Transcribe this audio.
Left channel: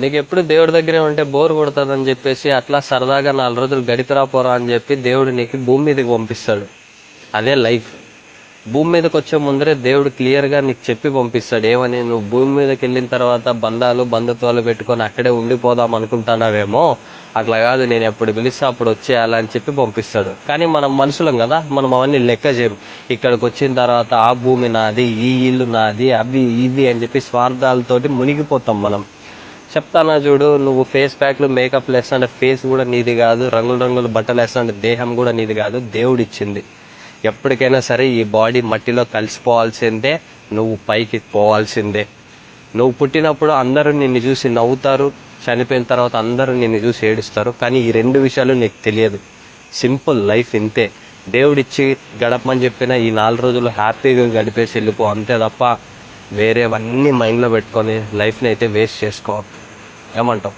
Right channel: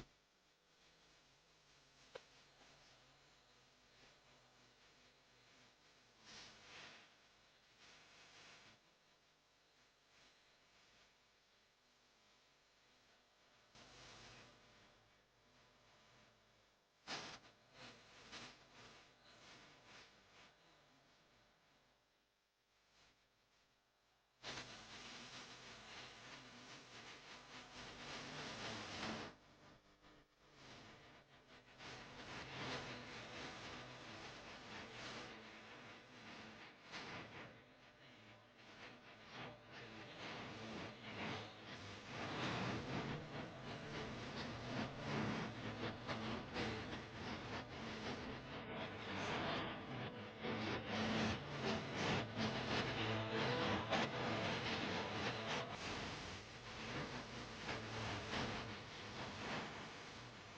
నీకు ఎప్పుడు దేవుడి దగ్గరే ఉంటే బోర్ కొడుతుందని చెప్పేసి అట్లా సరదాగా 4 రోజులు గడిపిరా పోరా అని చెప్పి దేవుడు నీకు భూమి మీదకి పంపిస్తాడు. అదే లైఫ్. భూమి మీదకి వచ్చే ముందరే దేవుడు క్లియర్గా నీకు చెప్పి పంపిస్తాడు. ఏమని? నువ్వు భూమి మీదకి వెళ్ళిన తర్వాత బంధుత్వాలు పెట్టుకొని అక్కడే ఉండిపోదాం అనుకుంటున్నావేమో. అట్లా కాదు, నేను ఎప్పుడు పిలిస్తే అప్పుడు వచ్చేయాలని చెప్పి పంపిస్తాడు. కానీ మనం మనుషులం కదా, మనం అవన్నీ లెక్క చేయం. ఇక్కడికి వచ్చిన తర్వాత ఆ భూమి నాది, ఈ ఇల్లు నాది, అవి ఇవి అని చెప్పి స్వార్థాలతోటి మునిగిపోతాం మనం. చెప్తానా చూడు, నువ్వు ఫేస్ ప్యాక్లు మేకప్లు వేస్తాంటే ఫేస్ కూడా నీది కాదు, రంగుల రంగుల బట్టలు వేస్తాంటే దేహం కూడా నీది కాదు, దేవుడు ఇచ్చింది. ఎప్పటికైనా సరే ఈ బాడీ మట్టిలో కలిసిపోవాల్సిందే, నువ్వు పైకి పోవాల్సిందే. నువ్వు పుట్టినప్పుడు అందరూ నిన్ను చూసి నవ్వుతారు, చనిపోయిన తర్వాత అందరూ నిన్ను చూసి ఏడుస్తారు. కానీ ఈ 2 విషయాలు నీకు తెలియదు. సింపుల్ లైఫ్ ఇంతే. దేవుడిచ్చి గడపమని చెప్పిన ఈ 4 రోజులు హ్యాపీగా గడిపేసి వెళ్ళిపో, అంతే తప్ప వేరేవన్నీ మైండ్లో పెట్టుకొని లైఫ్ని అయితే వేస్ట్ చేసుకో. ఏమంటావు?